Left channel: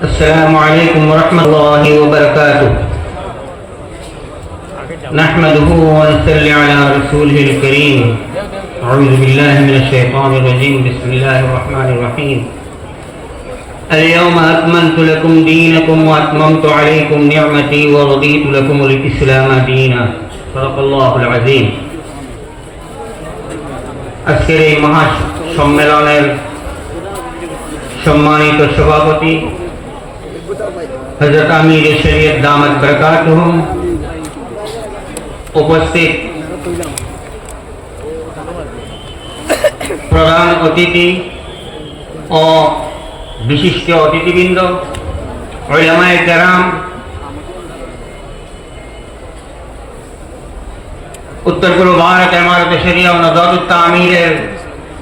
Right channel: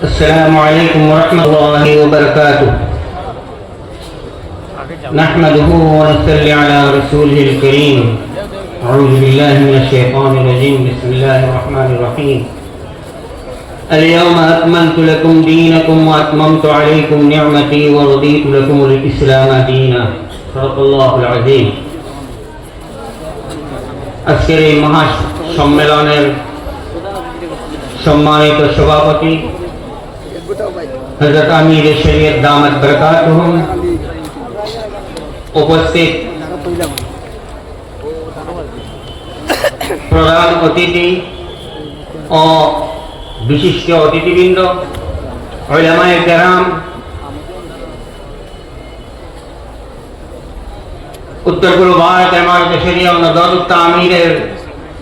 السلام عليكم ورحمة الله وبركاته نحمده ونصلي على رسوله الكريم أعوذ بالله من الشيطان الرجيم بسم الله الرحمن الرحيم اليوم أكملت لكم دينكم وأتممت عليكم نعمتي ورضيت لكم الإسلام دينا صدق الله العظيم আজকের এই মহা সম্মেলনের সম্মানিত সভাপতি হজরত আমির শরীয়ত দামত বরকাত উপস্থিত প্রধান অতিথি ও বিশিষ্ট অতিথিবৃন্দ ওলামায়ে কেরাম উত্তর পূর্ব ভারত এমারত শরিয়া ও নদরুত আমিরের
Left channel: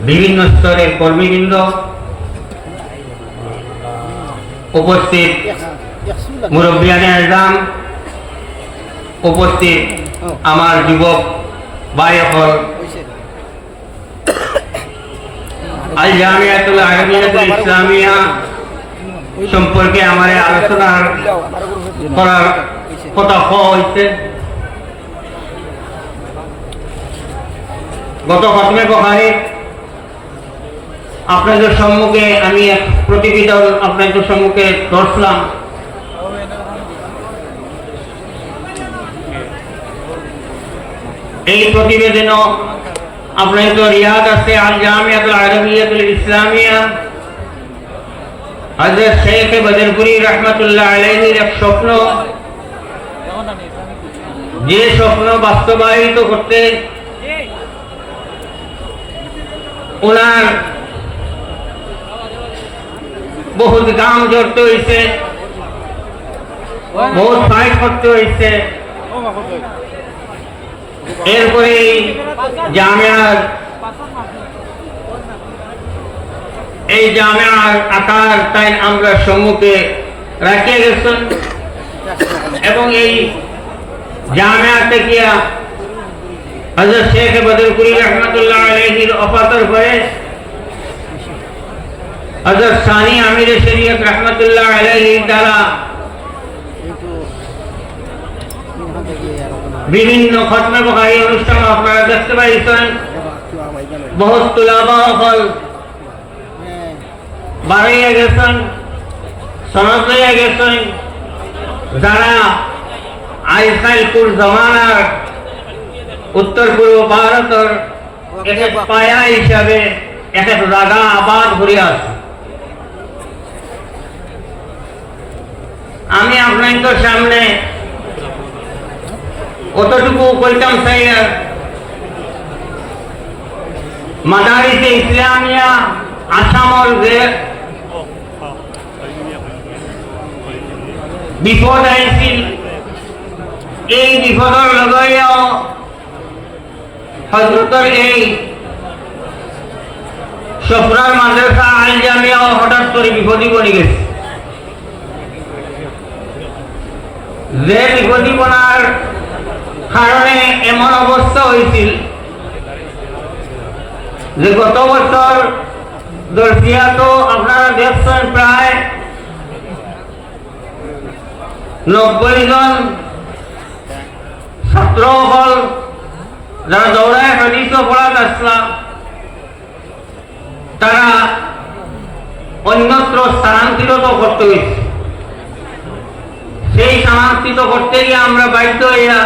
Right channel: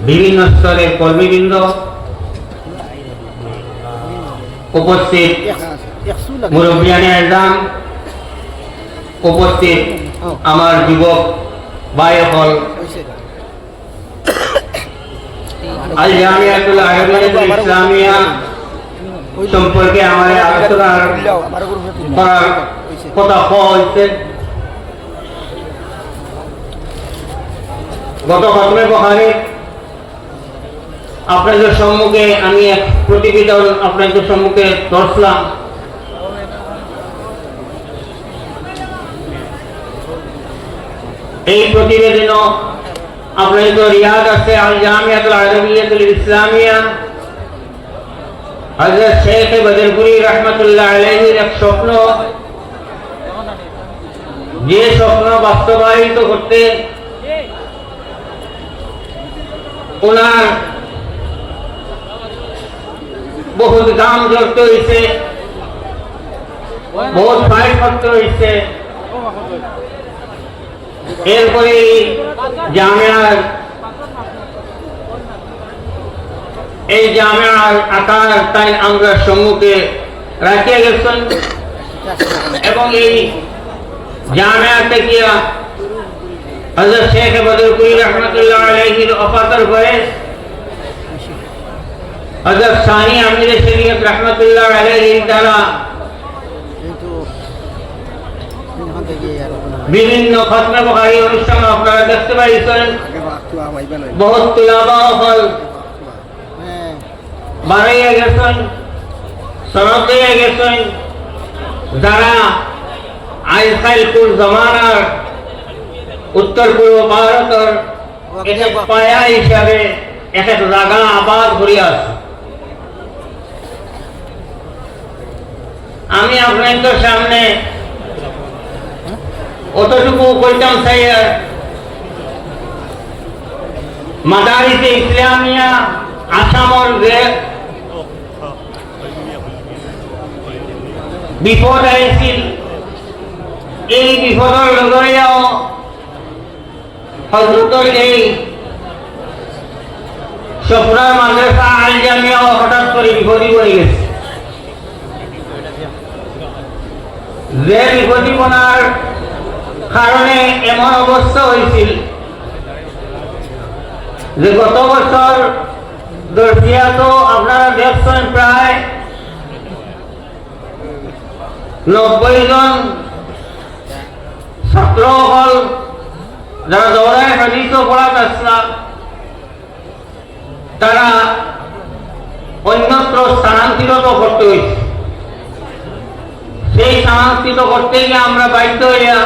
বিভিন্ন স্তরের কর্মীবৃন্দ উপস্থিত মুরব্বিয়ানে আজম উপস্থিত আমার যুবক বায়কল আল জামিয়াতুল আরবিয়াতুল ইসলামিয়া সম্পর্কে আমার আলোচনার করার কথা হয়েছে গত খতমে বহারের আপনাদের সম্মুখে আমি এক প্রতিবেদন আপনাদের সম্মুখে দর্শলাম এই প্রতিবেদনও আপনাদের রিয়াদ আছে, আল জামিয়াতুল আরবিয়াতুল ইসলামিয়া। হজরত শেখ বদরপুরি রহমতুল্লাহ আলহির এক স্বপ্ন। যে স্বপ্ন বাস্তবায়িত করতে ওনার বহুত গাম জড়তে হয়েছে বহুত ফাইট করতে হয়েছে এরপরে জামিয়ার, এই জামিয়ার আকার তাই আমরা সম্মুখে রাখিয়া গেছেন। এবং এই জামিয়া থেকে হজরত শেখ বদরপুরি রহমতুল্লাহ আলহির অপাতর পরে হজরত সানি আমির শরীয়ত রহমতুল্লাহ আলহি তারা বিভিন্ন খতমে অনুষ্ঠান আপনারা দেখতে পাইছেন। বহুত বাড়াইয়া গেছেন, সনদ লইয়া গেছেন। যারা জমানার উত্তর পূর্ব ভারতের পায়া হিসাবে এক এক জায়গা আবাদ করিয়া আছে। আমি আপনাদের সামনে অতটুকু কইতাম চাই মাদারিতে ইসলামিয়া, আসামর যে বিপদ আহিছিল এই বিপদৰ লগৰীয়াও হজরতর এই সফরার মাদ্রাসা আল জামিয়া হঠাৎ করে বিপদী পড়ে গেছে। যে বিপদীপনার কারণে এমন অবস্থা হয়েছিল যে গত বছর দর্শিয়া তো আপনারা দেখছেন প্রায় নব্বই জন ছাত্র হল যারা দৌড়ায় হাদিস পড়াত আসলাম তারা অন্যত্র স্থানান্তরিত করতে হয়েছে সেই স্থানান্তরিত করতে গিয়ে আমরা বাধ্য হইয়া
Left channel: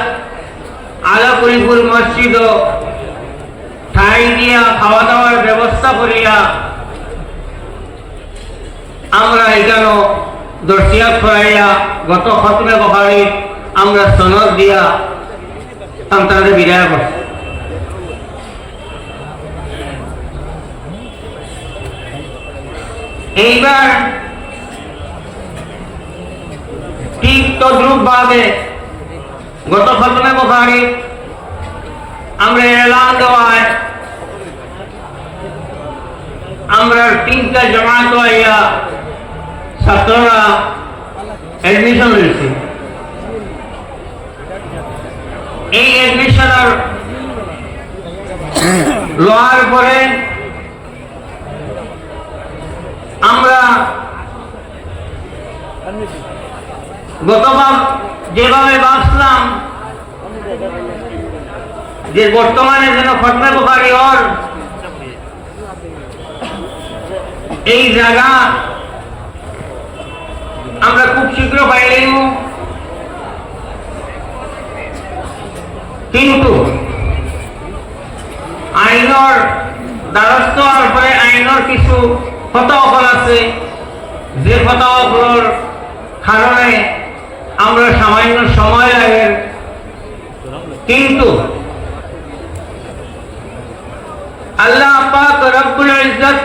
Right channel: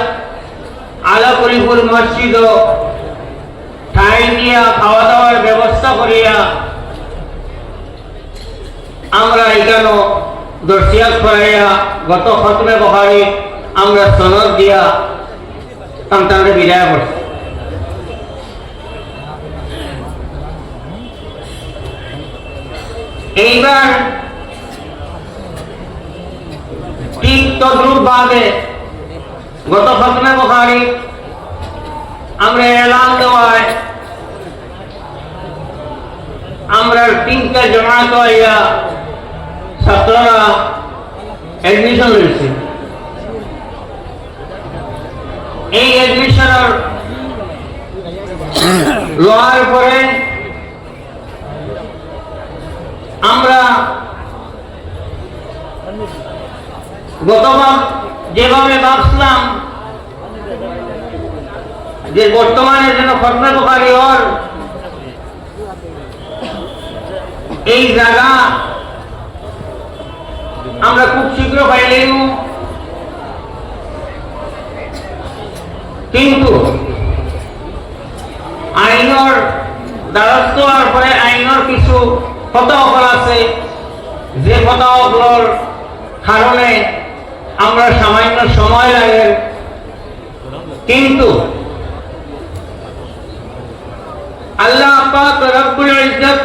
আলাপুরিপুর মসজিদ। ঠাই দিয়া খাওয়া দাওয়ার ব্যবস্থা করিয়া আমরা এখানে দর্শিয়া খোয়াইয়া গত খতমে বহারি আমরা সনদ দিয়া সন্তানদের বিদায় করছি। এইবার ঠিক তদ্রুপ ভাবে গত খতমে বখারি আমরা এলান দেওয়ায় আমরা তিনটা জমাত হইয়া ছাত্ররা এডমিশন লইছি এই এডমিশনের লওয়ার পরে আমরা গতবার যেভাবে ভাবছিলাম যে বর্তমানে যেন ফটমে বুখারি ওর এই জায়গা আমরা খুব শীঘ্র পাইলেই কিন্তু আইনৰ দ্বাৰস্থ হোৱাৰ পৰে আইনৰ কিছু ফটোসকল আছে। যে ফটোসকলৰ কারণে আমরা সামান্য সময় লাগে। কিন্তু আল্লাহ পাক রব্বুল ইজ্জত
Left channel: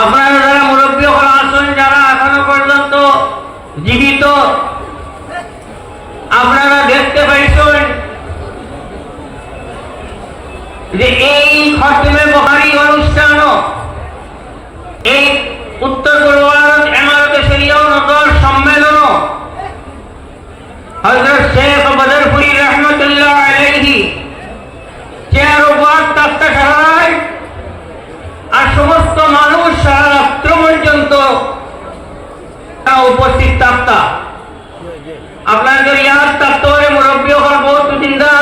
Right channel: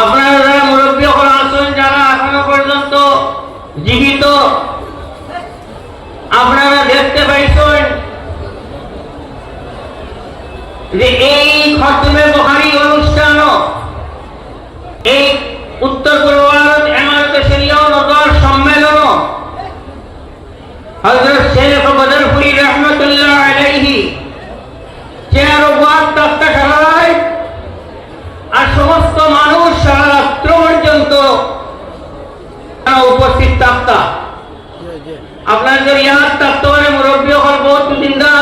আপনারা যারা মুরব্বী আছেন যারা এখনও পর্যন্ত জীবিত, আপনারা দেখতে পাইছেন যে এই খতমে বহারি অনুষ্ঠানও এই উত্তর পূর্ব সারায় আর সমস্ত মানুষ সারা রাত্র পর্যন্ত উপস্থিত থাকতা। আপনার ইয়াদ থাকতে মুরব্বী হল বহুত জিন্দা